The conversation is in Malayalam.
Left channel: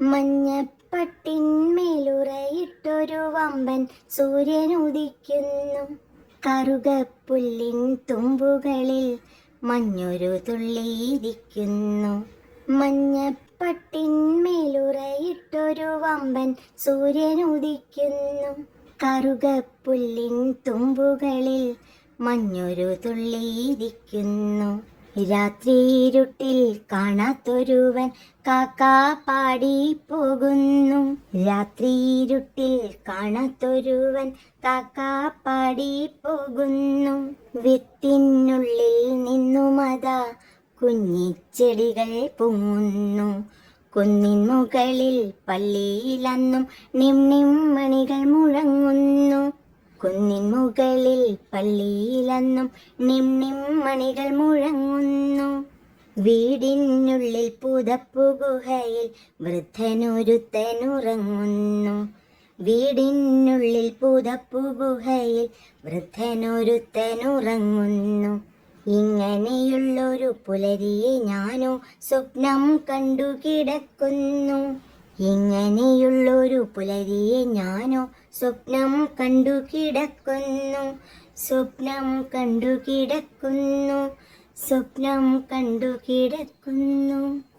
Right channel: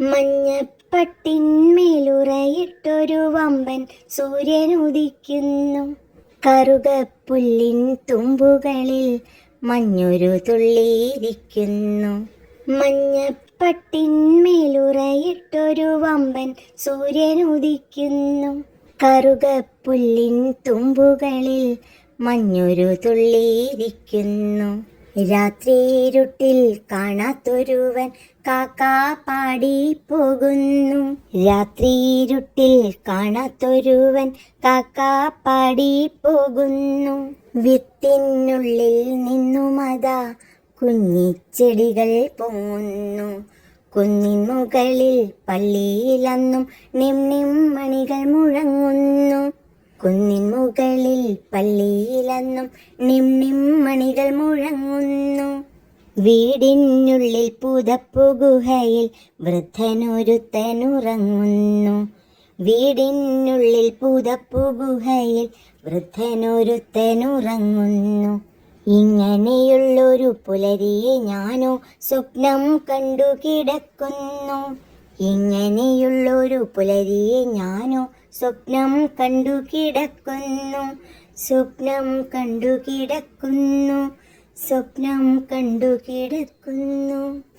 മഞ്ഞപ്പട്ടിന്മേലുറയിട്ടൊരു വമ്പൻ സൂര്യനുദിക്കുന്നു. കറുകപ്പുല്ലിൻ തുമ്പുകളിൽ മഞ്ഞൊരു തുള്ളിയിരിക്കുന്നു. മഞ്ഞപ്പട്ടിന്മേലുറയിട്ടൊരു വമ്പൻ സൂര്യനുദിക്കുന്നു. കറുകപ്പുല്ലിൻ തുമ്പുകളിൽ മഞ്ഞൊരു തുള്ളിയിരിക്കുന്നു. രാത്രിയിരുട്ടിൽ കാണാത്തൊരുവൻ കാക്കാ പാടി പോകുന്നു. രാത്രിയിരുട്ടിൽ കാണാത്തൊരുവൻ കാക്കാ പാടി പോകുന്നു. വിത്തിനുള്ളിൽ നിന്നുമതാ കുഞ്ഞിച്ചെടികൾ പൊങ്ങുന്നു. കുന്നിൻ മുകളിൽ പള്ളിയിലന്നും നിം നിം മണികൾ മുഴങ്ങുന്നു. കുന്നിൻ മുകളിൽ പള്ളിയിലന്നും നിം നിം മണികൾ മുഴങ്ങുന്നു. വീടിനുള്ളിൽ പുതപ്പു ഗുഹയിൽ വൃദ്ധനൊരുത്തനുറങ്ങുന്നു. വീടിനുള്ളിൽ പുതപ്പു ഗുഹയിൽ വൃദ്ധനൊരുത്തനുറങ്ങുന്നു. ഇങ്ങനെയുള്ളൊരു പുലരിയെ ഞാനോ സ്വപ്നം കണ്ടു കിടക്കുന്നു. ഇങ്ങനെയുള്ളൊരു പുലരിയെ ഞാനോ സ്വപ്നം കണ്ടു കിടക്കുന്നു. സ്വപ്നം കണ്ടു കിടക്കുന്നു. സ്വപ്നം കണ്ടു കിടക്കുന്നു.